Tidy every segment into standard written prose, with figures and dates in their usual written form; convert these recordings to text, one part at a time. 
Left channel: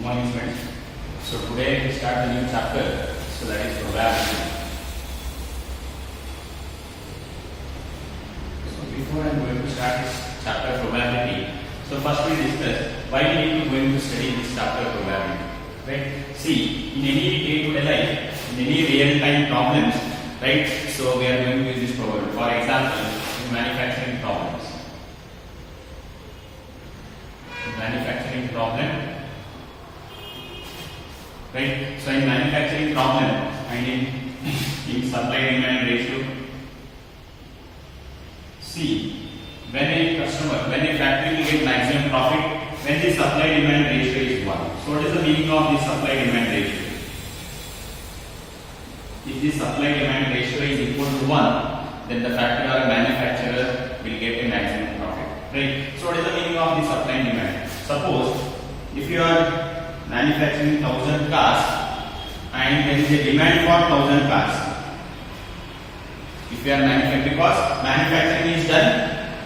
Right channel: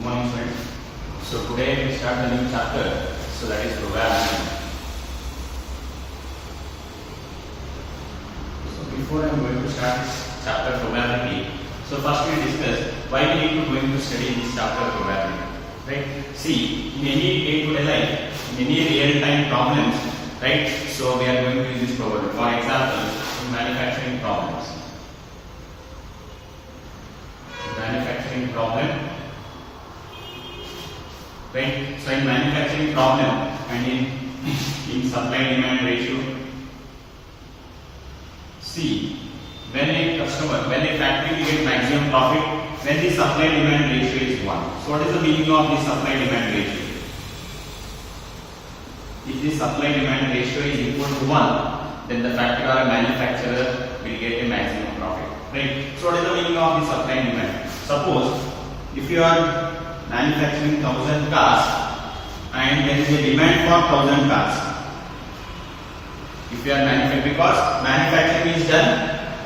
Good morning, friends. So today we start the new chapter. So that is probability. So before I am going to start this chapter probability, so first we discuss why we need to going to study this chapter probability. Right? See, in any day-to-day life, in any real-time problems, right? So we are going to use this probability. For example, in manufacturing problems. Manufacturing problem, right? So in manufacturing problem and in supply demand ratio, see, when a factory will get maximum profit when the supply demand ratio is 1. So what is the meaning of the supply demand ratio? If the supply demand ratio is equal to 1, then the factory or a manufacturer will get a maximum profit. Right? So what is the meaning of the supply and demand? Suppose if you are manufacturing 1000 cars and there is a demand for 1000 cars. If you are manufacturing, because manufacturing is done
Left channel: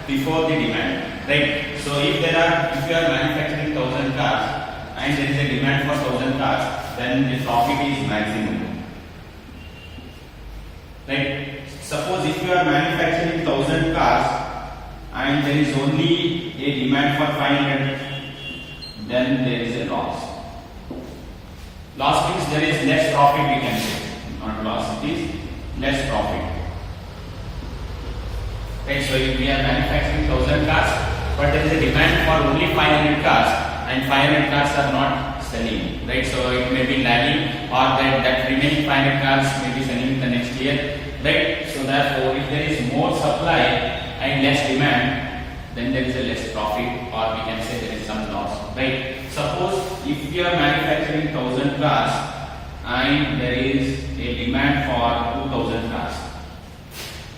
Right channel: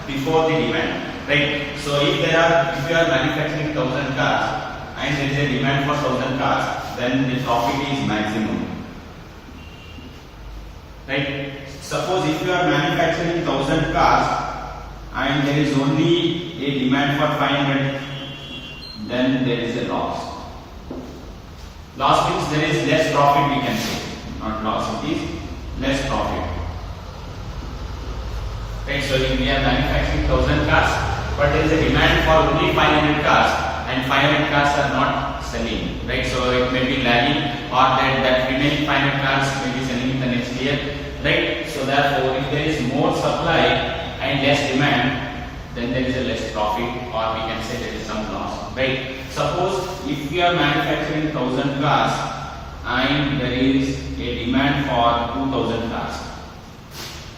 before the demand, right? So if you are manufacturing 1000 cars and there is a demand for 1000 cars, then the profit is maximum. Right? Suppose if you are manufacturing 1000 cars and there is only a demand for 500, then there is a loss. Loss means there is less profit, we can say. Not loss, it is less profit. Right, so if we are manufacturing 1000 cars, but there is a demand for only 500 cars and 500 cars are not selling. Right, so it may be lagging, or that remaining 500 cars may be selling the next year. Right, so therefore if there is more supply and less demand, then there is a less profit, or we can say there is some loss. Right? Suppose if we are manufacturing 1000 cars and there is a demand for 2000 cars.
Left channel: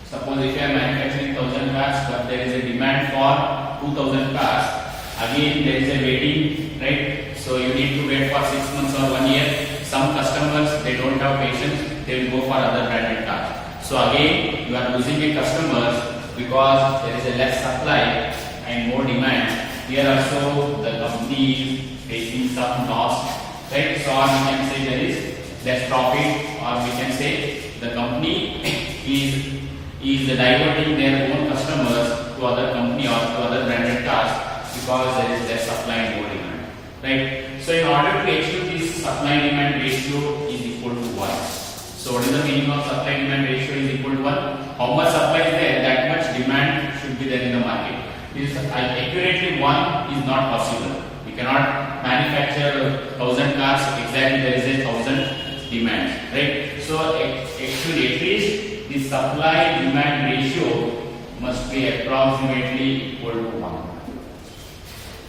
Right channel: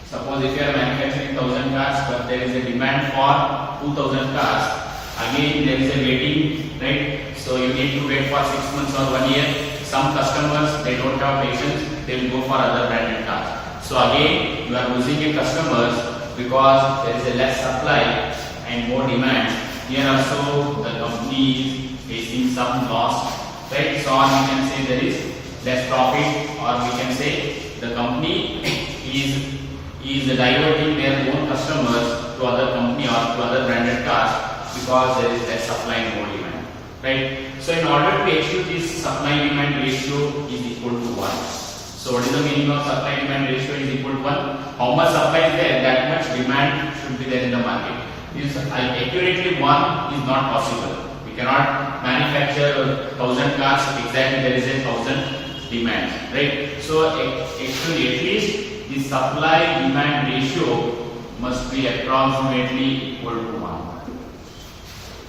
Suppose if you are manufacturing 1000 cars but there is a demand for 2000 cars, again there is a waiting, right? So you need to wait for 6 months or 1 year. Some customers, they don't have patience, they will go for other branded cars. So again you are losing a customers because there is a less supply and more demand. Here also the company is facing some loss, right? So or we can say there is less profit, or we can say the company is diverting their own customers to other company or to other branded cars because there is less supply and more demand, right? So in order to achieve this supply demand ratio is equal to 1. So what is the meaning of supply demand ratio is equal to 1? How much supply is there, that much demand should be there in the market. Accurately 1 is not possible. We cannot manufacture 1000 cars exactly there is a 1000 demand, right? So actually at least the supply demand ratio must be approximately equal to 1.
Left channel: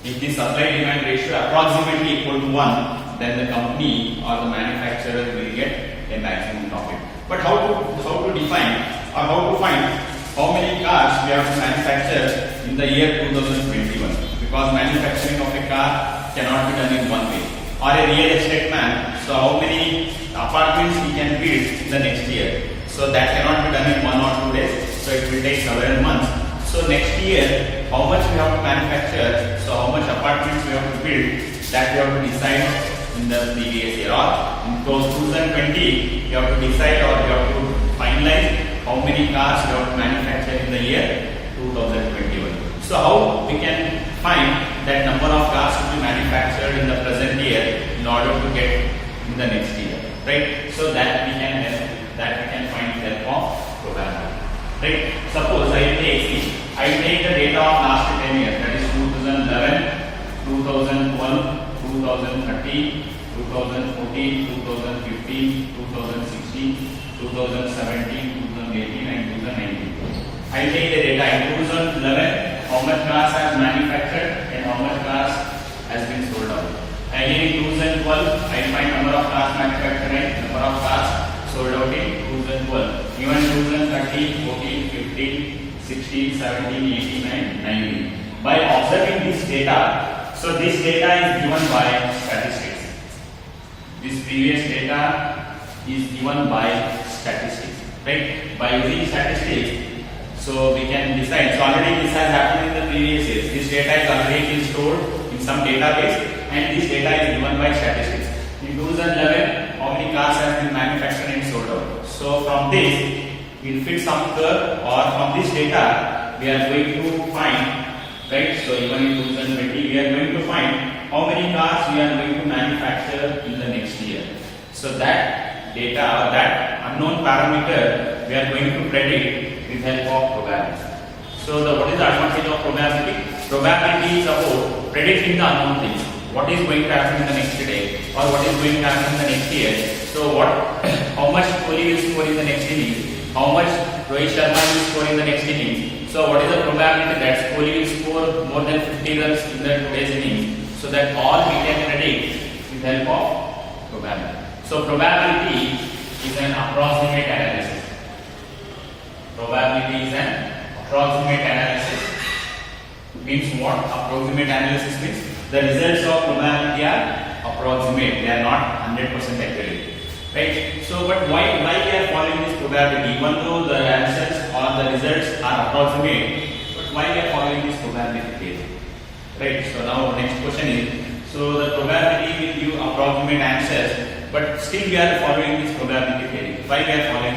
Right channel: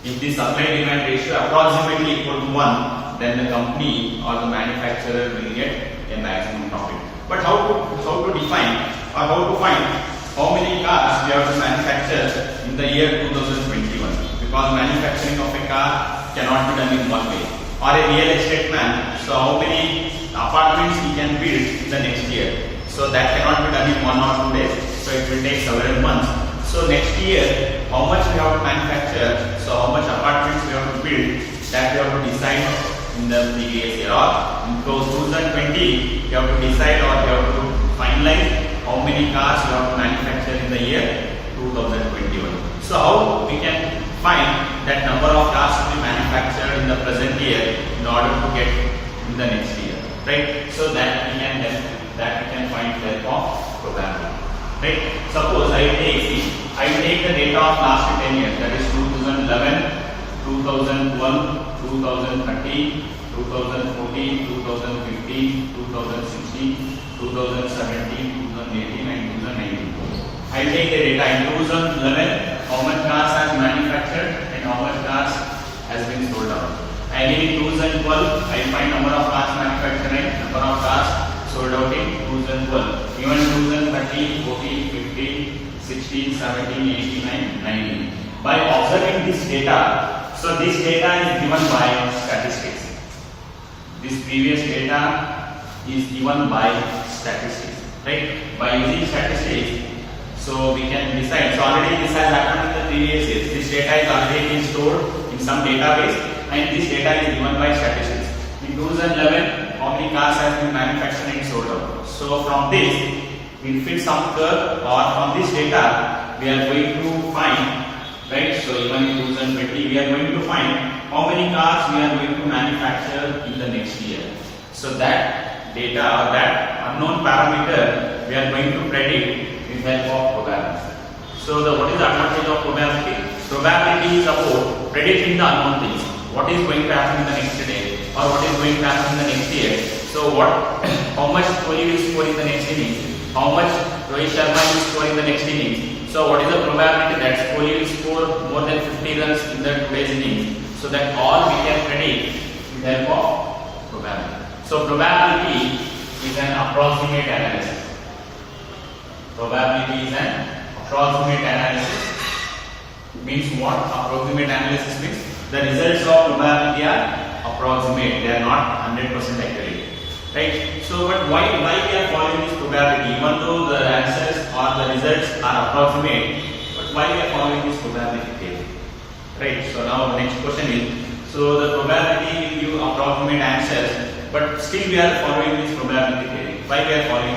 If the supply demand ratio approximately equal to 1, then the company or the manufacturer will get a maximum profit. But how to define or how to find how many cars we have to manufacture in the year 2021? Because manufacturing of a car cannot be done in 1 day. Or a real estate man, so how many apartments he can build in the next year? So that cannot be done in 1 or 2 days. So it will take several months. So next year, how much we have to manufacture? So how much apartments we have to build? That we have to decide in the previous year, or in 2020 you have to decide, or you have to finalize how many cars you have to manufacture in the year 2021. So how we can find that number of cars to be manufactured in the present year in order to get in the next year, right? So that we can find the help of programming, right? Suppose I take the data of last 10 years, that is 2011, 2012, 2013, 2014, 2015, 2016, 2017, 2018 and 2019. I will take the data in 2011, how much cars has manufactured and how much cars has been sold out. Again in 2012, I will find number of cars manufactured and number of cars sold out in 2012. Even 2013, 14, 15, 16, 17, 18 and 19. By observing this data, so this data is given by statistics. This previous data is given by statistics, right? By using statistics, so we can decide. So already this has happened in the previous years. This data is already been stored in some database, and this data is given by statistics. In 2011, how many cars have been manufactured and sold out? So from this, we'll fit some curve, or from this data, we are going to find, right? So even in 2020, we are going to find how many cars we are going to manufacture in the next year. So that data or that unknown parameter, we are going to predict with help of probability. So what is the advantage of probability? Probability is about predicting the unknown things. What is going to happen in the next day, or what is going to happen in the next year. So how much Kohli will score in the next innings, how much Rohit Sharma will score in the next innings. So what is the probability that Kohli will score more than 50 runs in the today's innings? So that all we can predict with help of probability. So probability is an approximate analysis. Probability is an approximate analysis. Means what? Approximate analysis means the results of probability are approximate. They are not 100% accurate. Right? So but why we are following this probability? Even though the answers or the results are approximate, but why we are following this probability theory? Right? So now the next question is, so the probability will give approximate answers, but still we are following this probability theory. Why we are following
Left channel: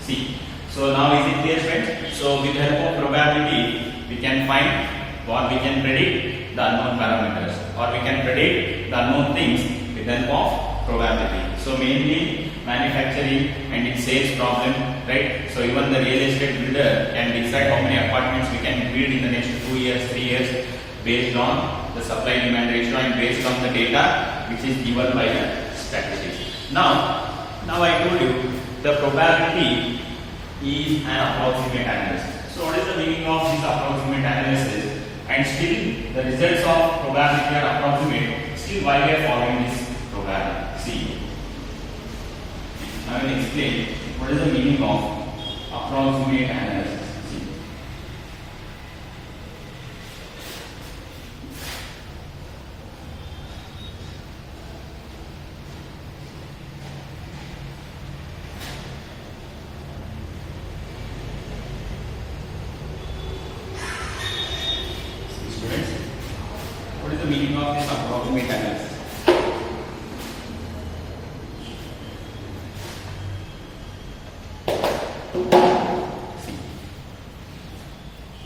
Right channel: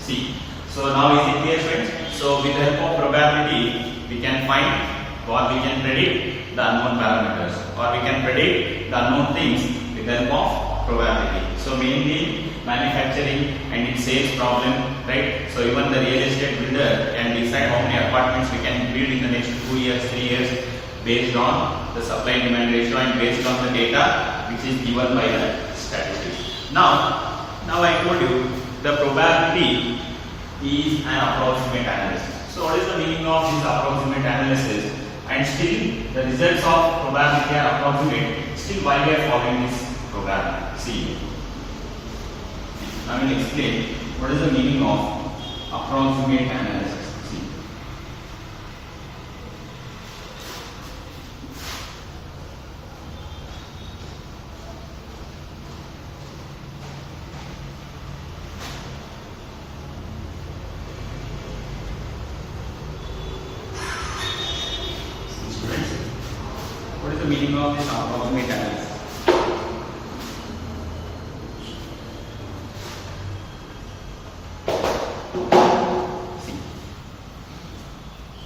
C? So now is it clear, friends? So with the help of probability, we can find or we can predict the unknown parameters, or we can predict the unknown things with the help of probability. So mainly manufacturing and its sales problem, right? So even the real estate builder can decide how many apartments we can build in the next 2 years, 3 years, based on the supply demand ratio and based on the data which is given by the statistics. Now I told you the probability is an approximate analysis. So what is the meaning of this approximate analysis? And still the results of probability are approximate. Still why we are following this probability? See, I will explain what is the meaning of approximate analysis. See. Students, what is the meaning of this approximate analysis?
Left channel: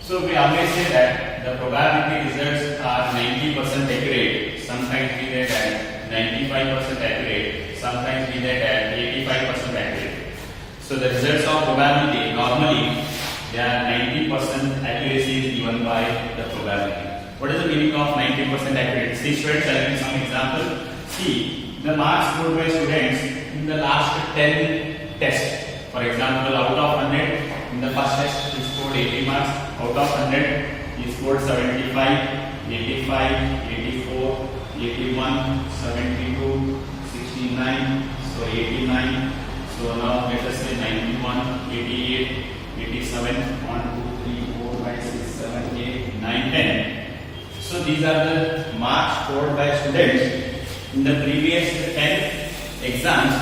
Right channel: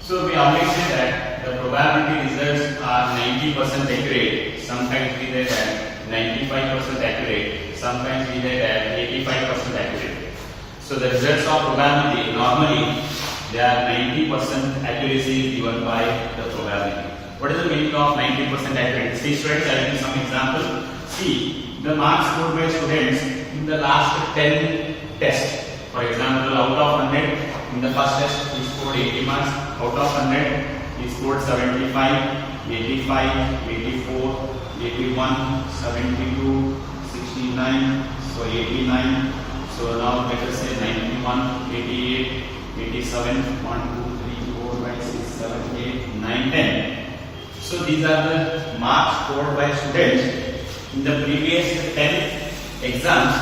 So we always say that the probability results are 90% accurate. Sometimes we say that 95% accurate. Sometimes we say that 85% accurate. So the results of probability normally they are 90% accuracy is given by the probability. What is the meaning of 90% accurate? See students, I will give some example. See the marks scored by students in the last 10 tests. For example, out of 100 in the first test he scored 80 marks. Out of 100 he scored 75, 85, 84, 81, 72, 69, so 89. So now let us say 91, 88, 87, 1, 2, 3, 4, 5, 6, 7, 8, 9, 10. So these are the marks scored by students in the previous 10 exams.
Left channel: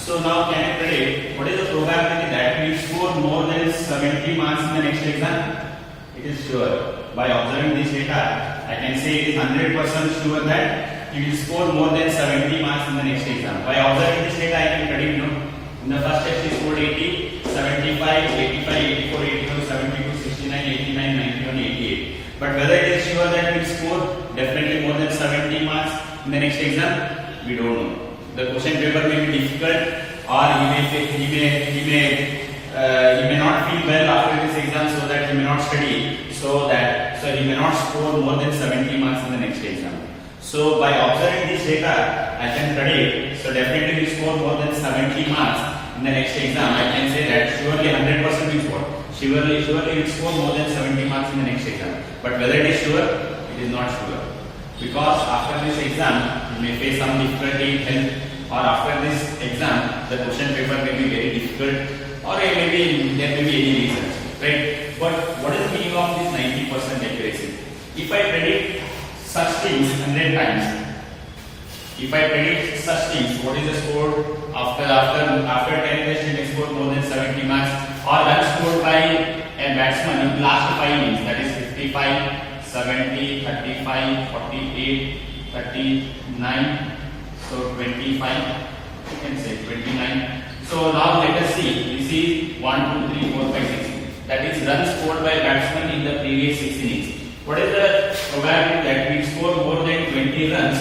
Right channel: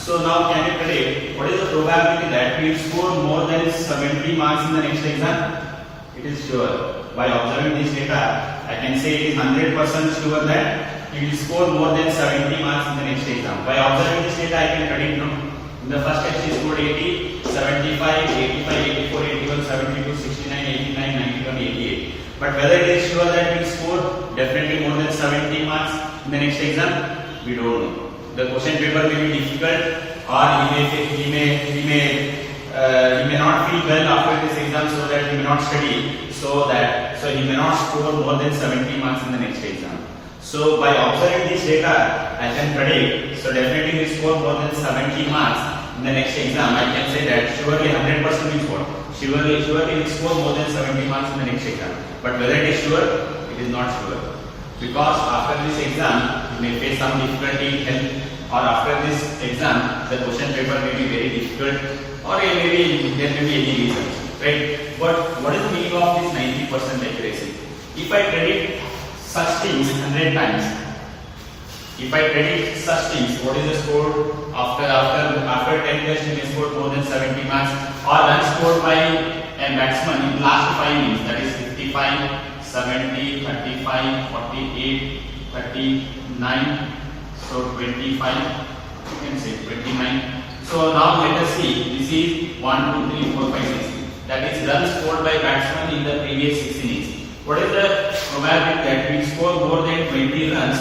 So now can you predict what is the probability that we will score more than 70 marks in the next exam? It is sure. By observing this data, I can say it is 100% sure that you will score more than 70 marks in the next exam. By observing this data, I can predict, in the first test he scored 80, 75, 85, 84, 81, 72, 69, 89, 91, 88. But whether it is sure that we will score definitely more than 70 marks in the next exam, we don't know. The question paper may be difficult, or he may not feel well after this exam, so that he may not study, so he may not score more than 70 marks in the next exam. So by observing this data, I can predict. So definitely we score more than 70 marks in the next exam. I can say that surely 100% will score. Surely will score more than 70 marks in the next exam. But whether it is sure, it is not sure. Because after this exam, you may face some difficulty in health, or after this exam, the question paper may be very difficult, or there may be any reasons, right? But what is the meaning of this 90% accuracy? If I predict such things 100 times, what is the score after 10 tests you may score more than 70 marks, or run scored by a batsman in last 5 innings, that is 55, 70, 35, 48, 39, so 25, you can say 29. So now let us see, this is 1, 2, 3, 4, 5, 6. That is runs scored by batsman in the previous 6 innings. What is the probability that we score more than 20 runs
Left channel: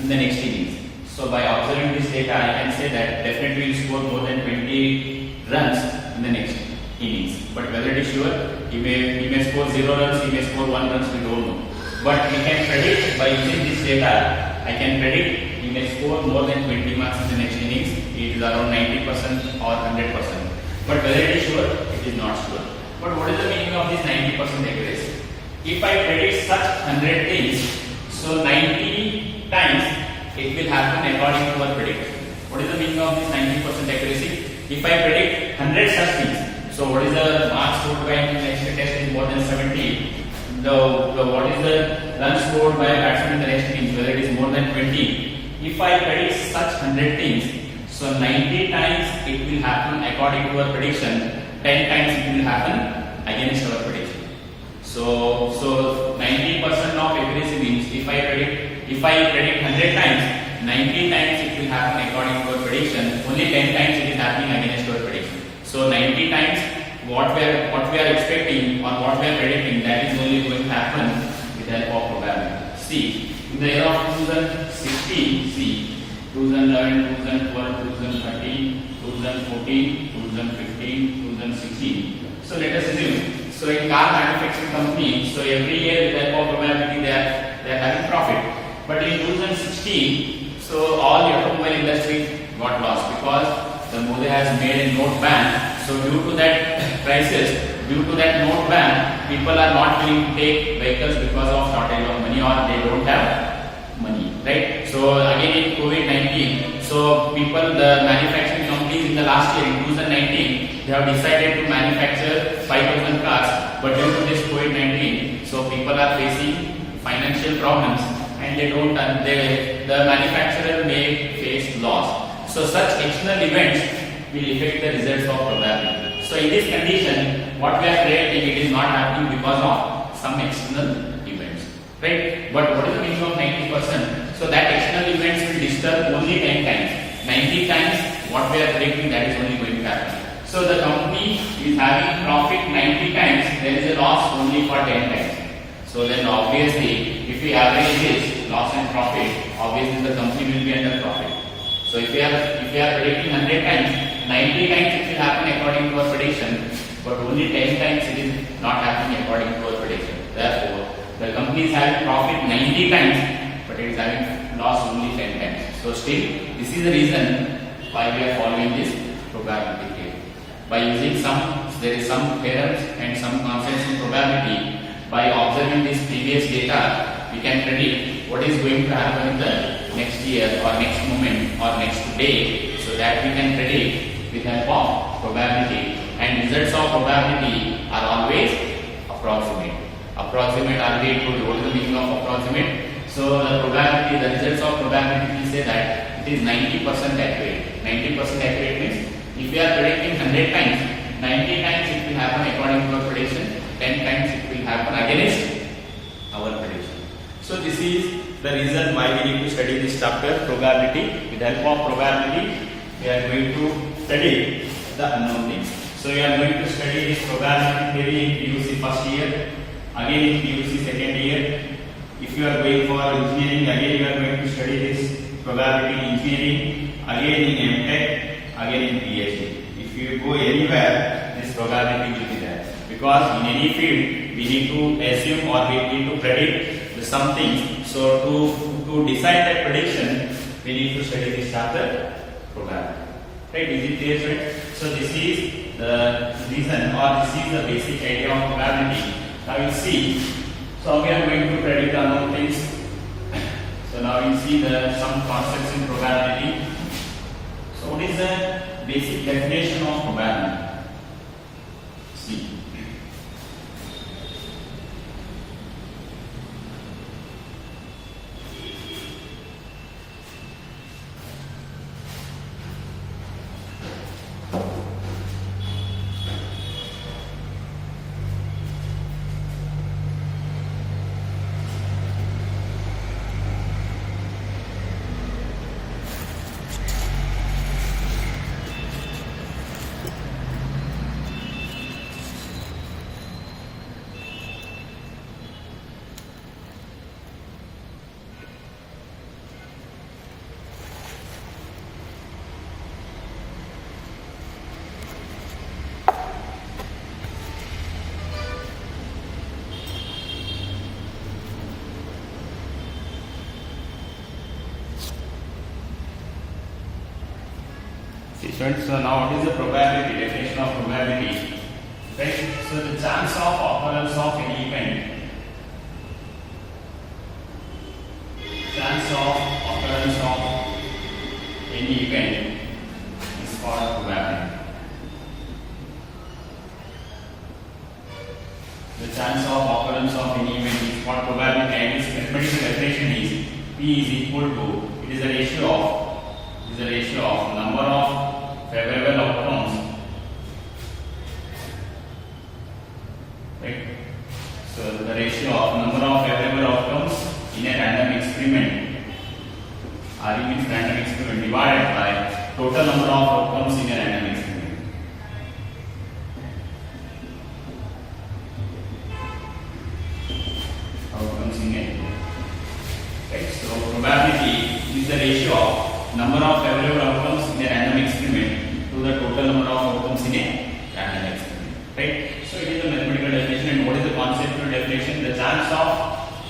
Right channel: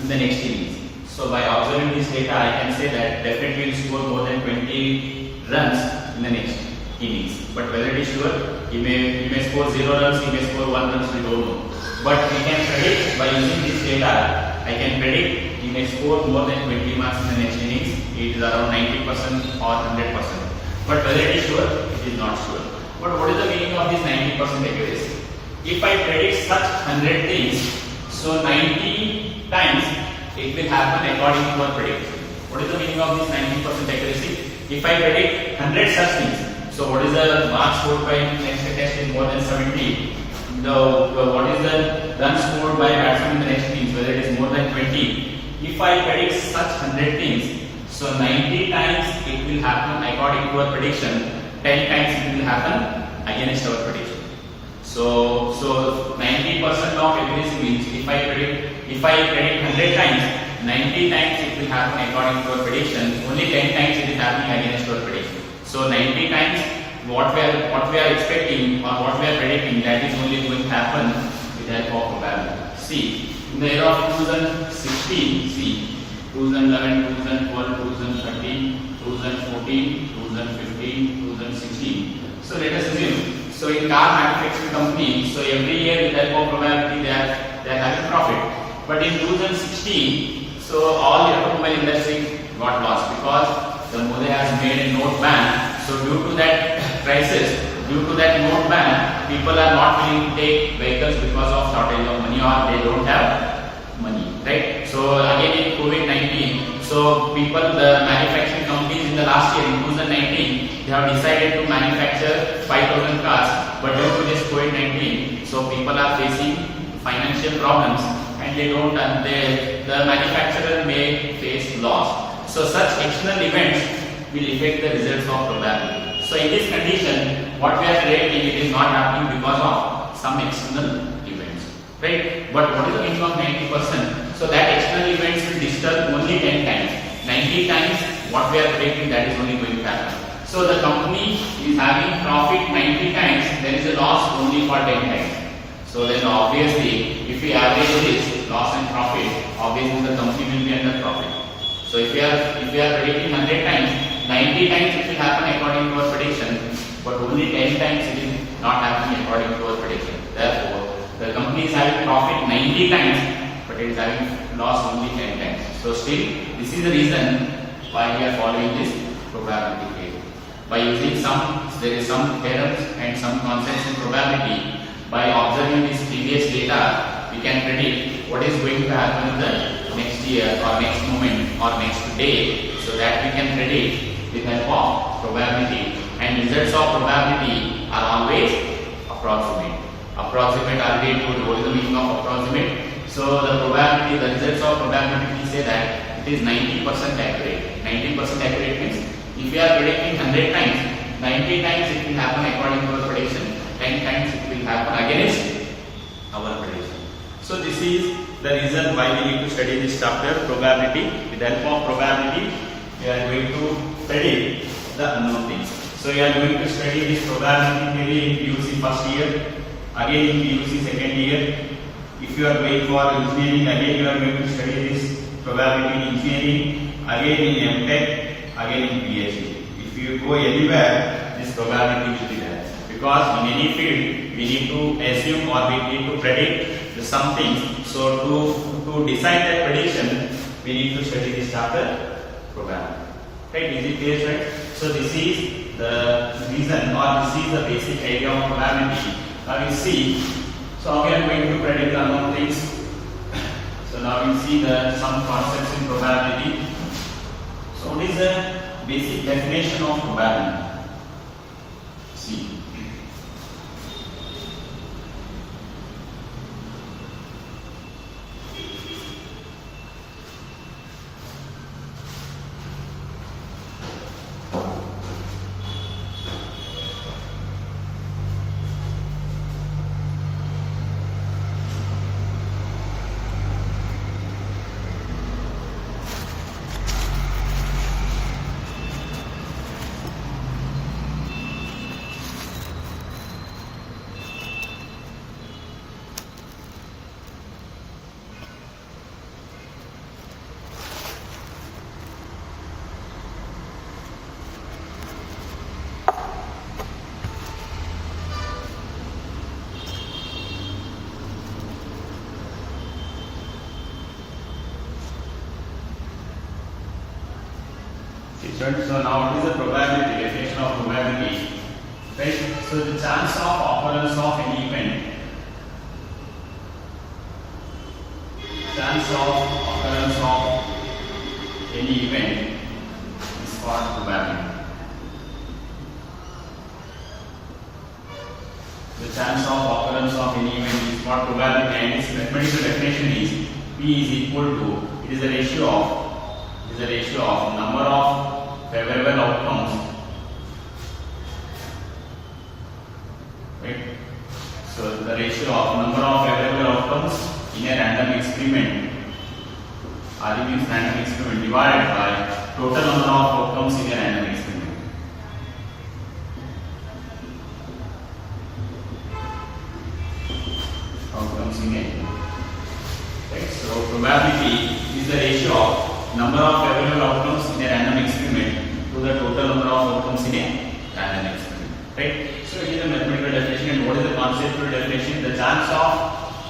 in the next innings? So by observing this data, I can say that definitely we score more than 20 runs in the next innings. But whether it is sure, he may score 0 runs, he may score 1 runs, we don't know. But we can predict by using this data. I can predict he may score more than 20 runs in the next innings. It is around 90% or 100%. But whether it is sure, it is not sure. But what is the meaning of this 90% accuracy? If I predict such 100 things, so 90 times it will happen according to our prediction. What is the meaning of this 90% accuracy? If I predict 100 such things, so what is the mark scored by next test is more than 70. What is the run scored by batsman in the next innings, whether it is more than 20. If I predict such 100 things, so 90 times it will happen according to our prediction, 10 times it will happen against our prediction. So 90% of accuracy means if I predict 100 times, 90 times it will happen according to our prediction, only 10 times it is happening against our prediction. So 90 times what we are expecting or what we are predicting, that is only going to happen with the help of probability. See, in the year of 2016, see 2011, 2012, 2013, 2014, 2015, 2016. So let us assume, so in car manufacturing company, so every year with the help of probability they are having profit. But in 2016, so all the automobile industry got lost because the Modi has made a note ban. So due to that crisis, due to that note ban, people are not willing to take vehicles because of shortage of money or they don't have money, right? So again in COVID-19, so the manufacturing companies in the last year, in 2019, they have decided to manufacture 5,000 cars, but due to this COVID-19, so people are facing financial problems and the manufacturer may face loss. So such external events will affect the results of probability. So in this condition, what we are predicting, it is not happening because of some external events, right? But what is the meaning of 90%? So that external events will disturb only 10 times. 90 times what we are predicting, that is only going to happen. So the company is having profit 90 times, there is a loss only for 10 times. So then obviously, if we average this loss and profit, obviously the company will be under profit. So if we are predicting 100 times, 90 times it will happen according to our prediction, but only 10 times it is not happening according to our prediction. Therefore, the company is having profit 90 times, but it is having loss only 10 times. So still, this is the reason why we are following this probability theory. By using there is some theorems and some concepts in probability. By observing this previous data, we can predict what is going to happen in the next year or next moment or next day, so that we can predict with the help of probability. And results of probability are always approximate. Approximate, already told you what is the meaning of approximate. So the probability, the results of probability, we say that it is 90% accurate. 90% accurate means if we are predicting 100 times, 90 times it will happen according to our prediction, 10 times it will happen against our prediction. So this is the reason why we need to study this chapter, probability. With the help of probability, we are going to study the unknown things. So we are going to study this probability theory in PUC first year, again in PUC second year. If you are going for engineering, again you are going to study this probability engineering, again in MTech, again in PhD. If you go anywhere, this probability will be there. Because in any field, we need to assume or we need to predict some things. So to decide that prediction, we need to study this chapter, probability. Right? Is it clear, friends? So this is the reason, or this is the basic idea of probability. Now you see, so we are going to predict the unknown things. So now you see some concepts in probability. So what is the basic definition of probability? See. Students, so now what is the probability? Definition of probability. Right? So the chance of occurrence of any event. Chance of occurrence of any event is called probability. The chance of occurrence of any event is called probability, and its mathematical definition is P is equal to, it is a ratio of number of favorable outcomes, right? So the ratio of number of favorable outcomes in a random experiment, RE means random experiment, divided by total number of outcomes in a random experiment. Outcomes in a, right? So probability is the ratio of number of favorable outcomes in a random experiment to the total number of outcomes in a random experiment, right? So it is a mathematical definition. And what is the conceptual definition? The chance of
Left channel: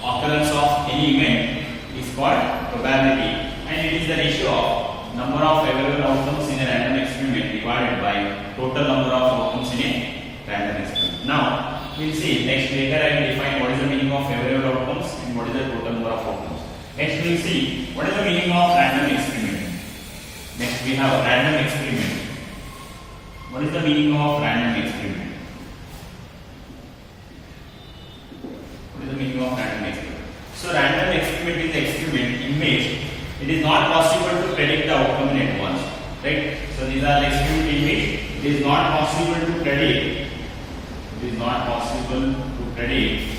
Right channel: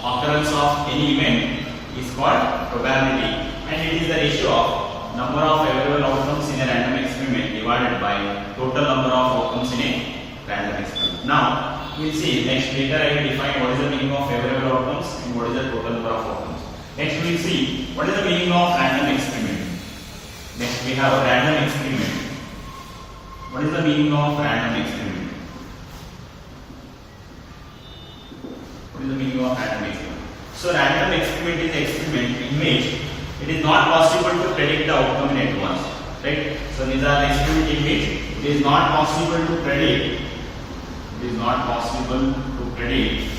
occurrence of any event is called probability, and it is the ratio of number of favorable outcomes in a random experiment divided by total number of outcomes in a random experiment. Now we will see next. Later I will define what is the meaning of favorable outcomes and what is the total number of outcomes. Next we will see what is the meaning of random experiment. Next we have a random experiment. What is the meaning of random experiment? What is the meaning of random experiment? So random experiment is an experiment in which it is not possible to predict the outcome in advance, right? So these are the experiments in which it is not possible to predict. It is not possible to predict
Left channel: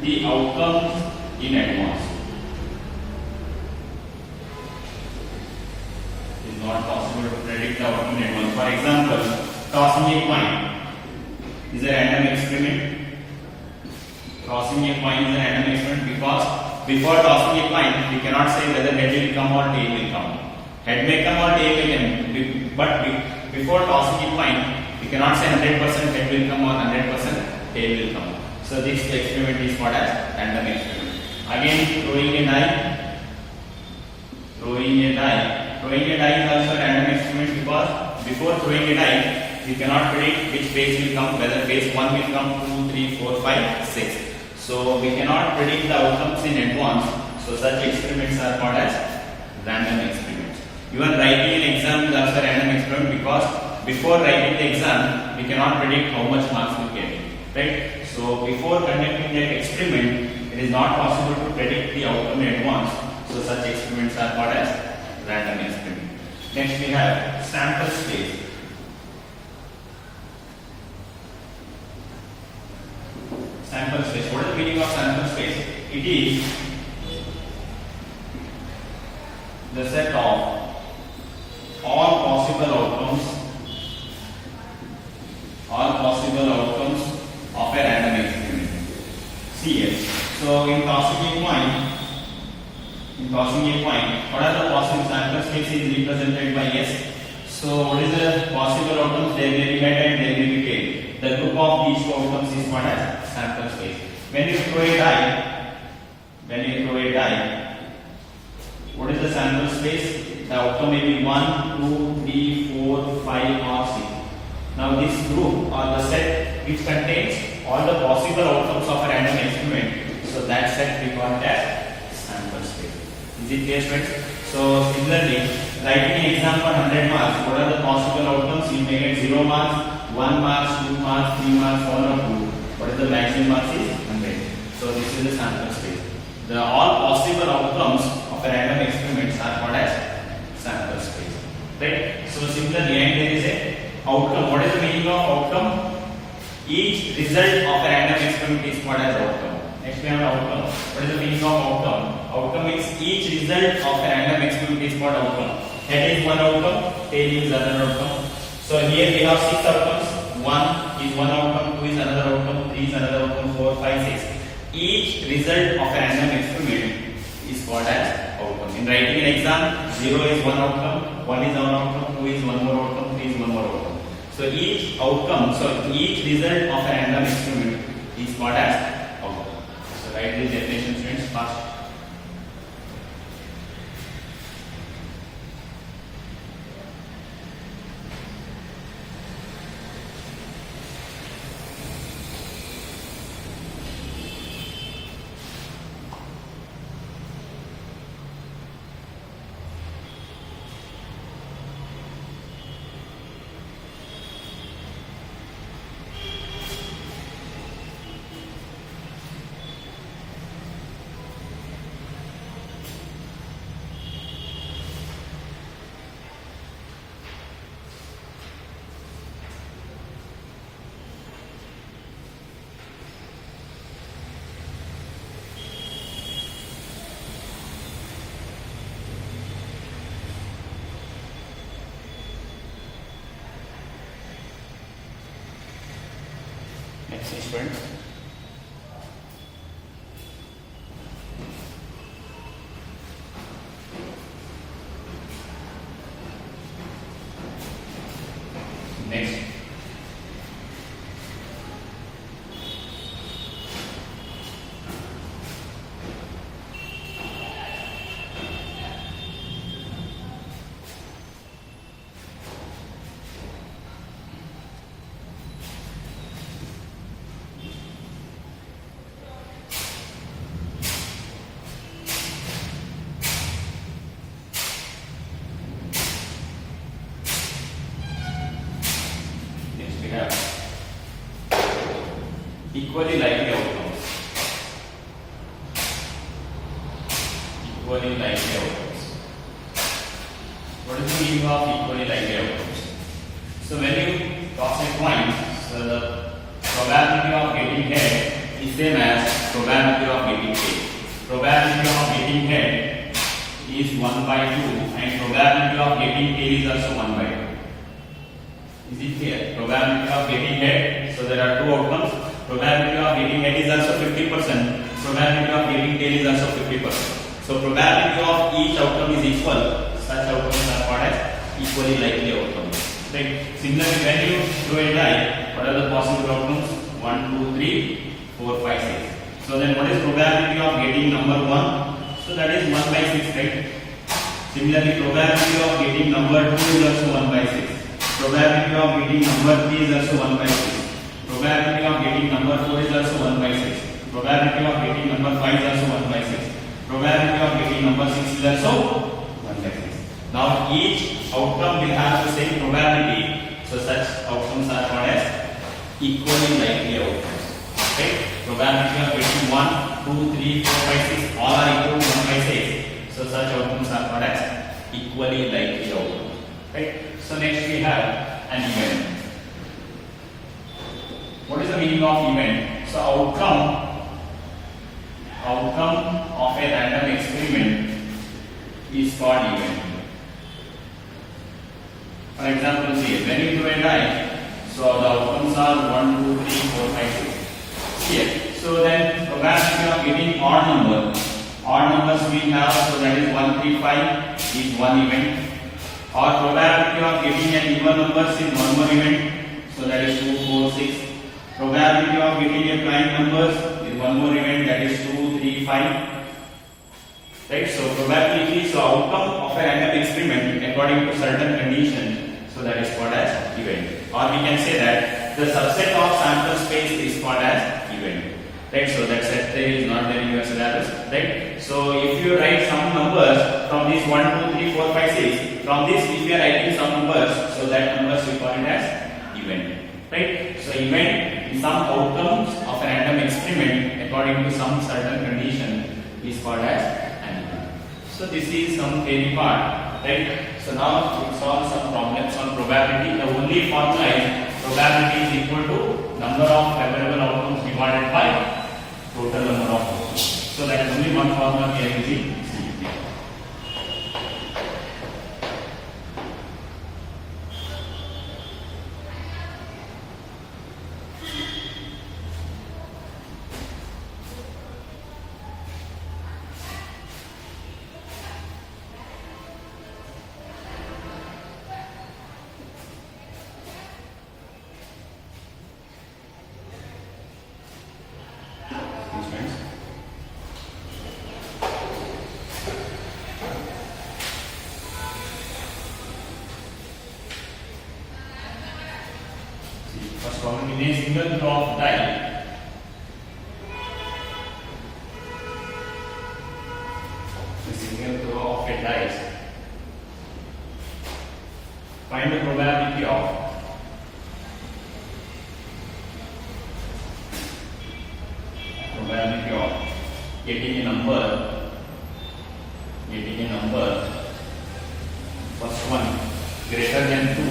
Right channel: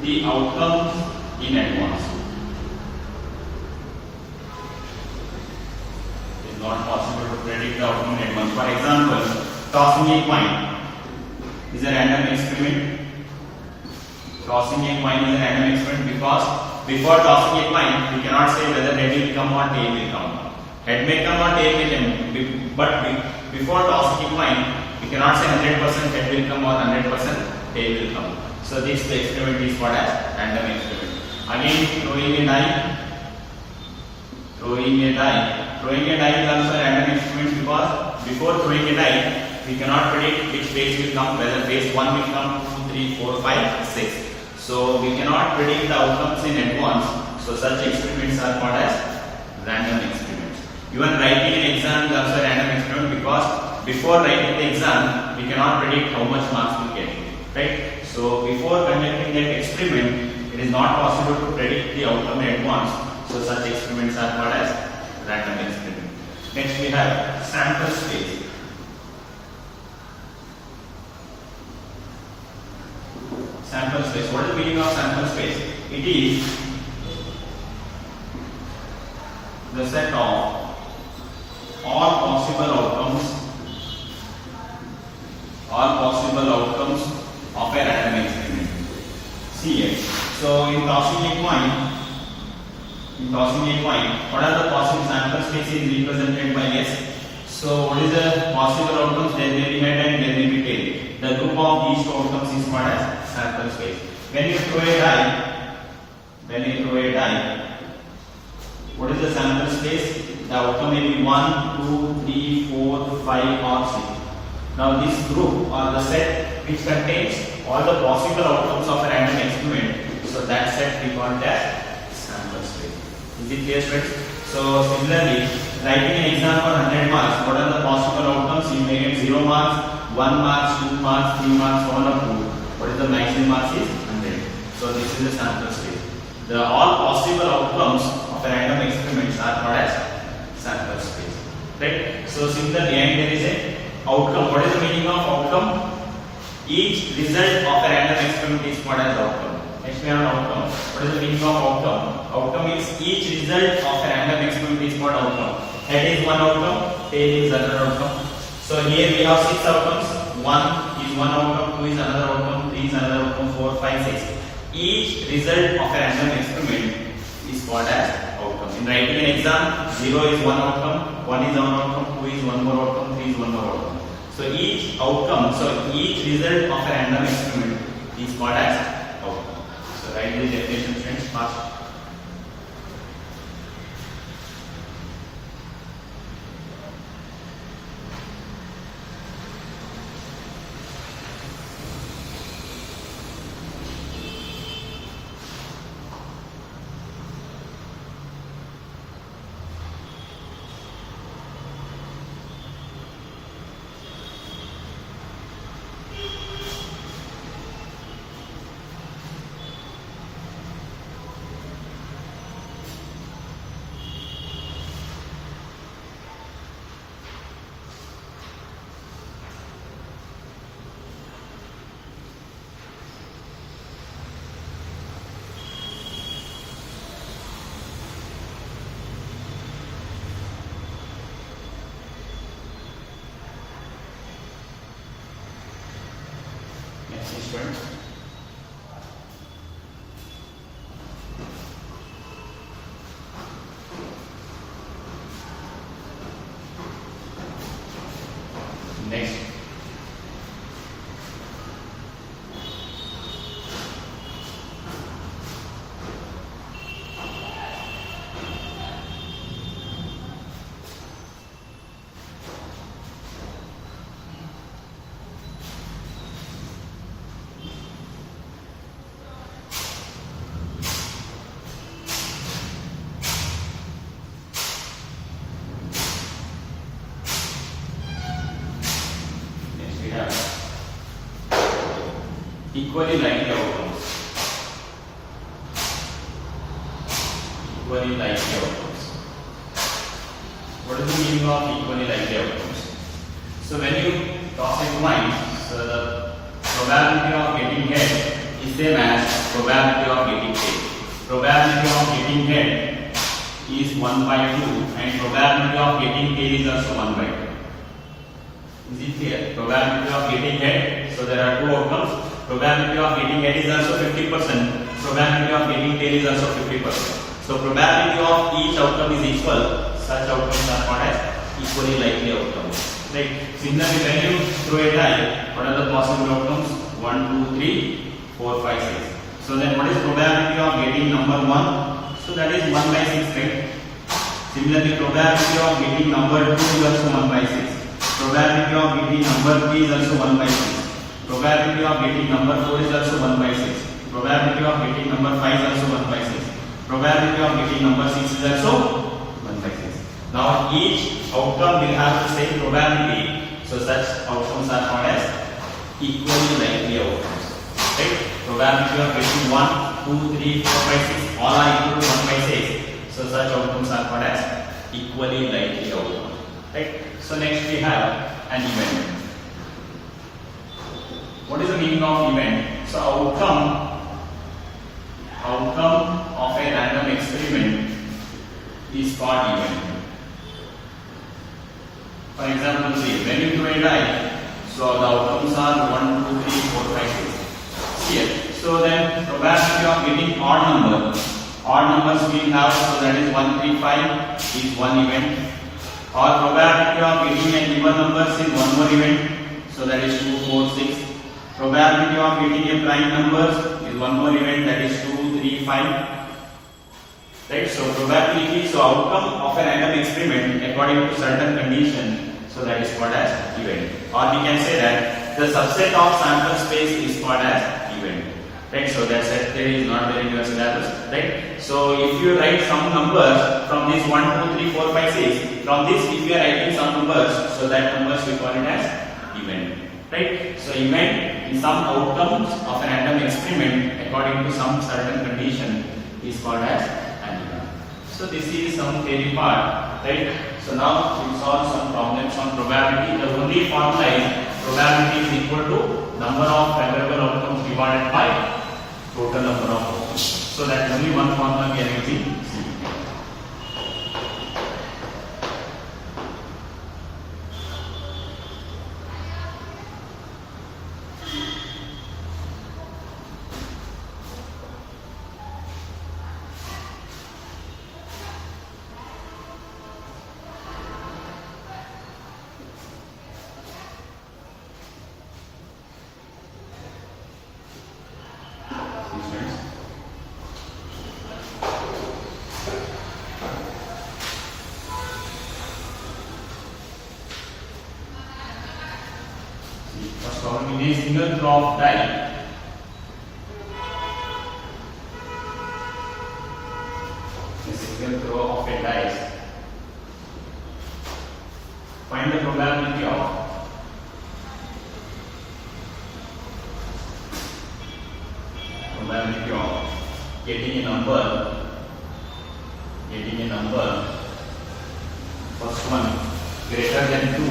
the outcome in advance. It is not possible to predict the outcome in advance. For example, tossing a coin is a random experiment. Tossing a coin is a random experiment because before tossing a coin, we cannot say whether head will come or tail will come. Head may come or tail will come, but before tossing a coin, we cannot say 100% head will come or 100% tail will come. So this experiment is called as random experiment. Again, throwing a die. Throwing a die is also a random experiment because before throwing a die, we cannot predict which phase will come, whether phase 1 will come, 2, 3, 4, 5, 6. So we cannot predict the outcomes in advance. So such experiments are called as random experiments. Even writing an exam is also a random experiment because before writing the exam, we cannot predict how much marks we get, right? So before conducting that experiment, it is not possible to predict the outcome in advance. So such experiments are called as random experiment. Next we have sample space. Sample space. What is the meaning of sample space? It is the set of all possible outcomes of a random experiment. See here. So in tossing a coin, what are the possible sample spaces represented by S? So what is the possible outcomes? There may be head and there may be tail. The group of these two outcomes is called as sample space. When you throw a die, what is the sample space? The outcome may be 1, 2, 3, 4, 5 or 6. Now this group or the set which contains all the possible outcomes of a random experiment, so that set we call as sample space. Is it clear, students? So similarly, writing an exam for 100 marks, what are the possible outcomes? You may get 0 marks, 1 mark, 2 marks, 3 marks, 1 or 2. What is the maximum marks is 100. So this is the sample space. The all possible outcomes of a random experiments are called as sample space, right? So similarly, and there is a outcome. What is the meaning of outcome? Each result of a random experiment is called as outcome. Next we have outcome. What is the meaning of outcome? Outcome is each result of a random experiment is called outcome. Head is one outcome, tail is another outcome. So here we have 6 outcomes. 1 is one outcome, 2 is another outcome, 3 is another outcome, 4, 5, 6. Each result of a random experiment is called as outcome. In writing an exam, 0 is one outcome, 1 is one outcome, 2 is one more outcome, 3 is one more outcome. So each outcome, each result of a random experiment is called as outcome. So write this definition, students, fast. student. Next. Equally likely outcomes. Equally likely outcomes. What is the meaning of equally likely outcomes? So when you toss a coin, so the probability of getting head is same as probability of getting tail. Probability of getting head is 1 by 2 and probability of getting tail is also 1 by 2. Is it clear? Probability of getting head. So there are two outcomes. Probability of getting head is also 50%. Probability of getting tail is also 50%. So probability of each outcome is equal. Such outcomes are called as equally likely outcomes. Right? Similarly, when you throw a die, what are the possible outcomes? 1, 2, 3, 4, 5, 6. So then what is probability of getting number 1? So that is 1 by 6, right? Similarly, probability of getting number 2 is also 1 by 6. Probability of getting number 3 is also 1 by 6. Probability of getting number 4 is also 1 by 6. Probability of getting number 5 is also 1 by 6. Probability of getting number 6 is also 1 by 6. Now each outcome will have the same probability. So such outcomes are called as equally likely outcomes. Right? Probability of getting 1, 2, 3, 4, 5, 6 all are equal to 1 by 6. So such outcomes are called as equally likely outcomes. Right? So next we have an event. What is the meaning of event? So outcome of a random experiment is called event. For example, see, when you do a die, so the outcomes are 1, 2, 3, 4, 5, 6. Here. So then probability of getting odd numbers we have, so that is 1, 3, 5 is one event. Or probability of getting an even numbers is one more event, so that is 2, 4, 6. Probability of getting a prime numbers is one more event, that is 2, 3, 5. Right? So probability, so outcome of a random experiment according to certain condition, so that is called as event. Or we can say that the subset of sample space is called as event. Right? So that set theory is not there in your syllabus. Right? So if you write some numbers from this 1, 2, 3, 4, 5, 6, from this if you are writing some numbers, so that numbers we call it as event. Right? So event is some outcomes of a random experiment according to some certain condition is called as an event. So this is some theory part. Right? So now we solve some problems on probability. The only formula is probability is equal to number of favorable outcomes divided by total number of outcomes. So that only one formula we are using. First problem, in a single throw of die, find the probability of getting a number, first one greater than 2,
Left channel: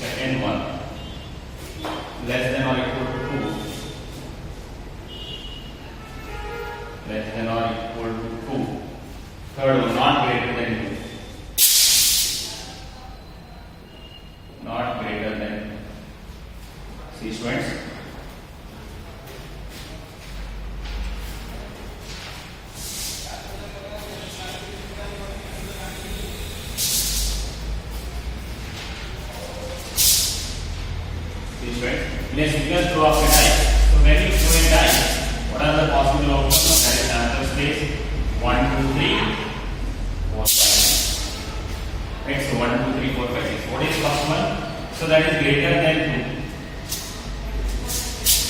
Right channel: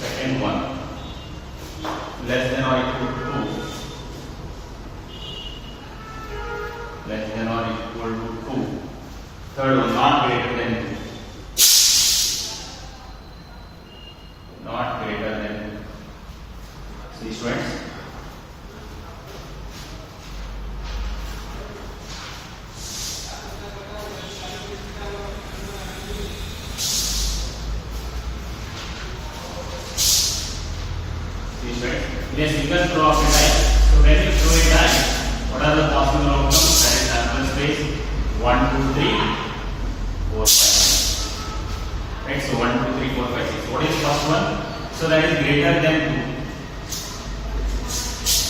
second one less than or equal to 2, less than or equal to 2, third one not greater than 2, not greater than See students. In a single throw of a die. So when you throw a die, what are the possible outcomes? That is answer space 1, 2, 3, 4, 5, 6. Right, so 1, 2, 3, 4, 5, 6. What is first one? So that is greater than 2.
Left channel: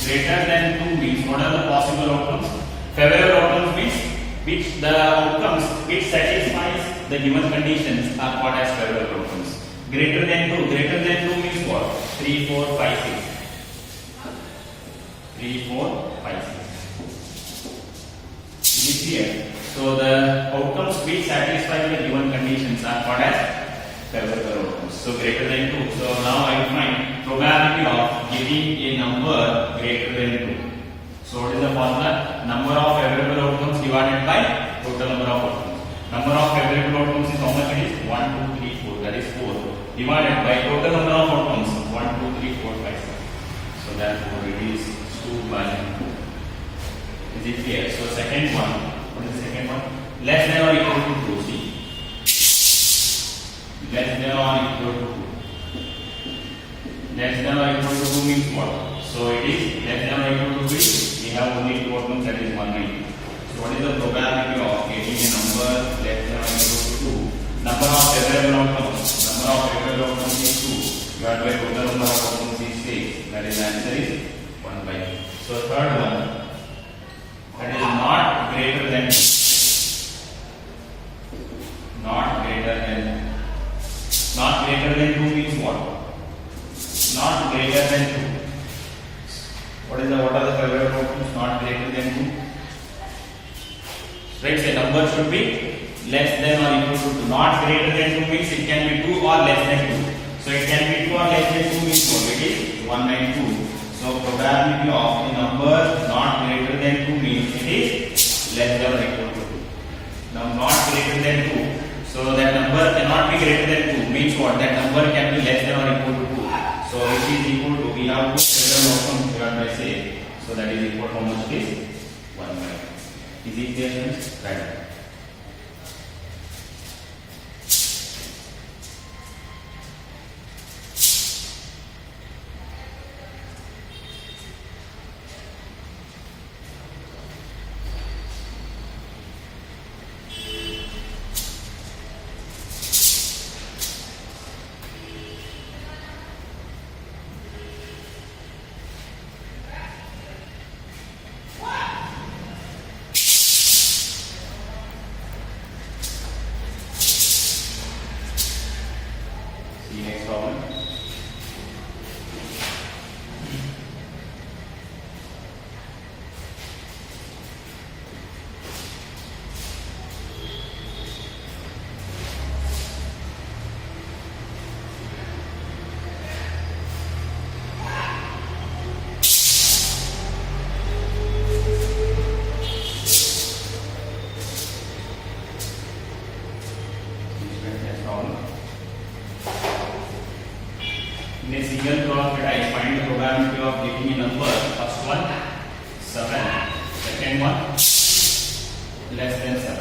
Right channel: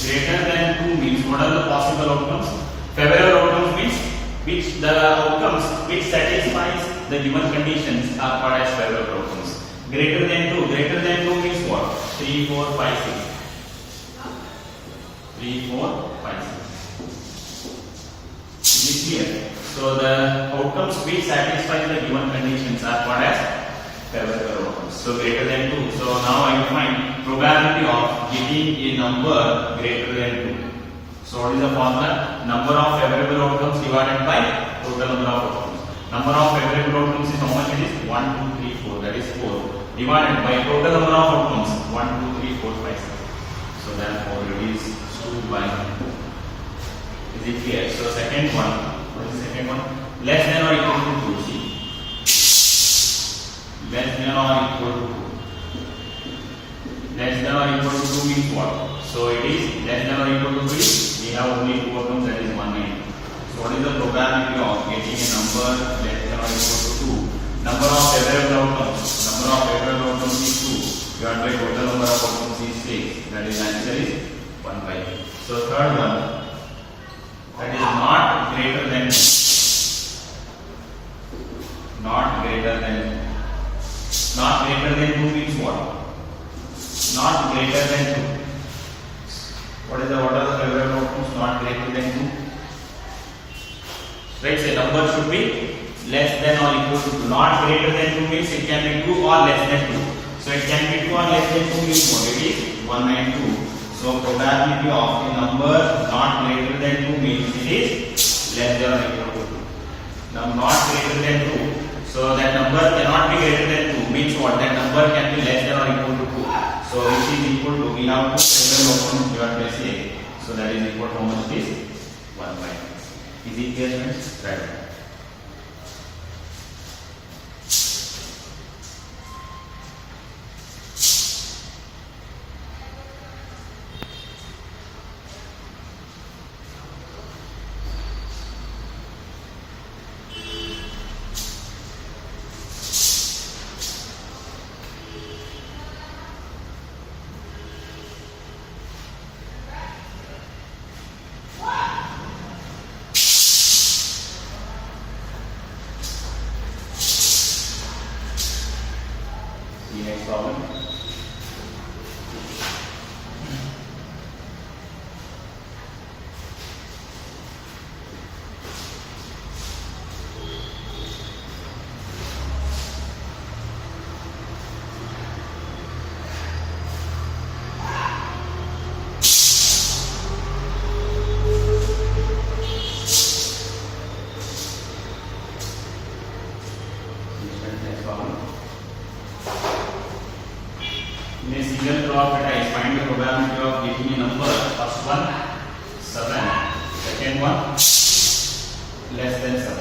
Greater than 2 means what are the possible outcomes? Favorable outcomes means which the outcomes which satisfies the given conditions are called as favorable outcomes. Greater than 2. Greater than 2 means what? 3, 4, 5, 6. 3, 4, 5, 6. Is it clear? So the outcomes which satisfy the given conditions are called as favorable outcomes. So greater than 2. So now I find probability of getting a number greater than 2. So what is the formula? Number of favorable outcomes divided by total number of outcomes. Number of favorable outcomes is how much it is? 1, 2, 3, 4. That is 4. Divided by total number of outcomes 1, 2, 3, 4, 5, 6. So therefore it is 2 by 1. Is it clear? So second one, what is the second one? Less than or equal to 2. See? Less than or equal to 2. Less than or equal to 2 means what? So it is less than or equal to 3. We have only 2 outcomes, that is 190. So what is the probability of getting a number less than or equal to 2? Number of favorable outcomes. Number of favorable outcomes is 2. Divided by total number of outcomes is 6. That is answer is 1 by 2. So third one, that is not greater than 2. Not greater than 2. Not greater than 2 means what? Not greater than 2. What are the favorable outcomes? Not greater than 2. Right, say number should be less than or equal to 2. Not greater than 2 means it can be 2 or less than 2. So it can be 2 or less than 2 means what? It is 192. So probability of a number not greater than 2 means it is less than or equal to 2. Now not greater than 2. So that number cannot be greater than 2 means what? That number can be less than or equal to 2. So which is equal to, we have two favorable outcomes divided by say. So that is equal to how much it is? 1 by 2. Is it clear friends? Right. The next problem. In a single throw of a die, find the probability of getting a number. First one, 7. Second one, less than 7.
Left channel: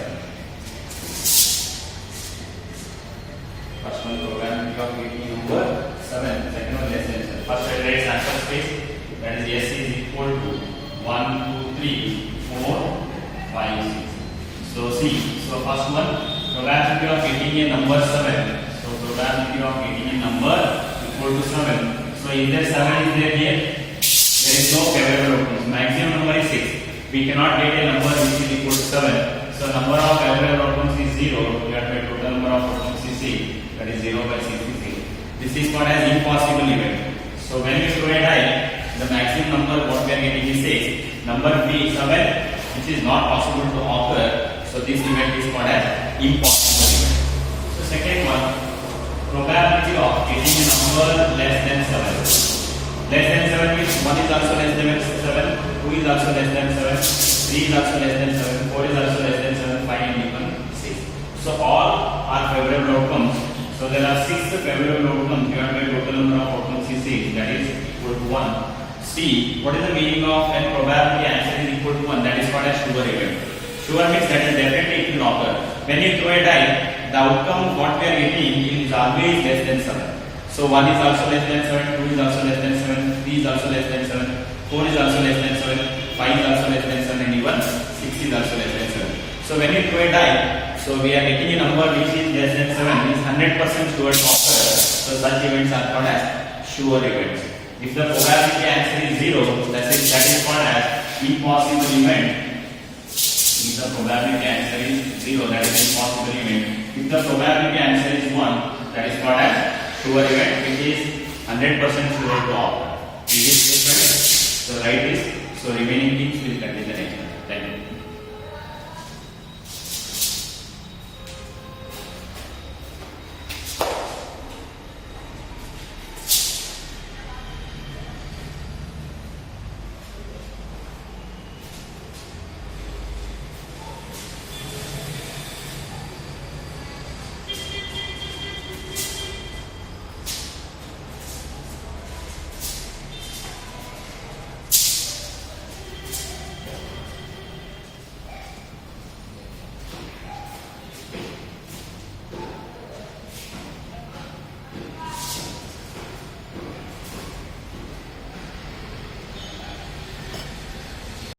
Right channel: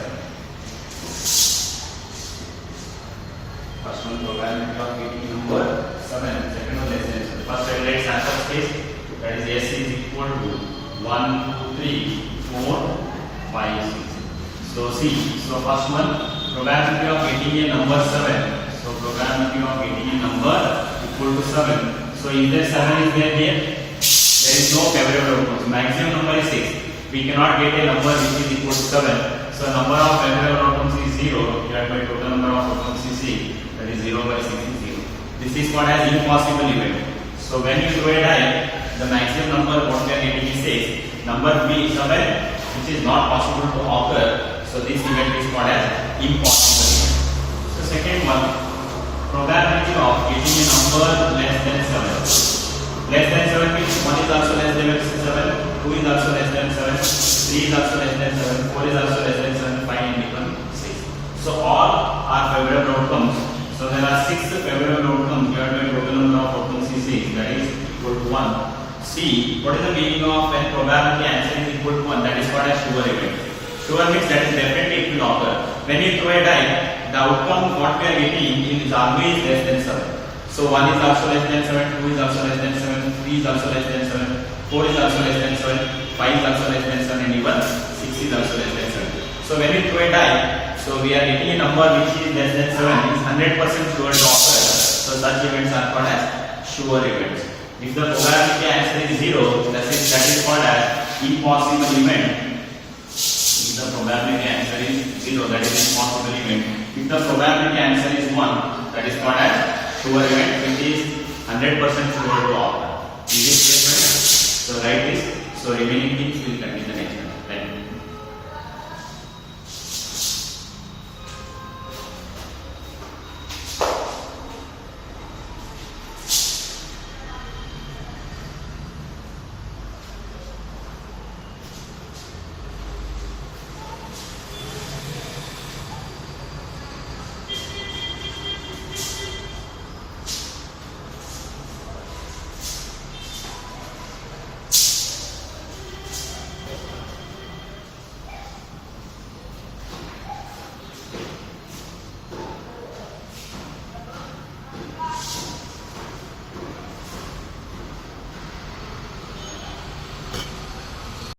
First one, probability of getting a number 7. Second one, less than 7. First, let's answer space. That is S is equal to 1, 2, 3, 4, 5, 6. So C. So first one, probability of getting a number 7. So probability of getting a number equal to 7. So is there 7 is there here? There is no favorable outcomes. Maximum number is 6. We cannot get a number which is equal to 7. So number of favorable outcomes is 0. Divided by total number of outcomes is 6. That is 0 by 6 is 0. This is called as impossible event. So when we throw a die, the maximum number what we are getting is 6. Number B 7, which is not possible to occur. So this event is called as impossible event. So second one, probability of getting a number less than 7. Less than 7 means 1 is also less than 7, 2 is also less than 7, 3 is also less than 7, 4 is also less than 7, 5 and even 6. So all are favorable outcomes. So there are 6 favorable outcomes divided by total number of outcomes is 6, that is equal to 1. C. What is the meaning of when probability answer is equal to 1? That is called as sure event. Sure means that is definitely it will occur. When you throw a die, the outcome what we are getting is always less than 7. So 1 is also less than 7, 2 is also less than 7, 3 is also less than 7, 4 is also less than 7, 5 is also less than 7, and even 6 is also less than 7. So when you throw a die, so we are getting a number which is less than 7 is 100% sure to occur. So such events are called as sure events. If the probability answer is 0, that is called as impossible event. If the probability answer is 0, that is impossible event. If the probability answer is 1, that is called as sure event. It is 100% sure to occur. Is it clear? So write this. So remaining things will come in the next one.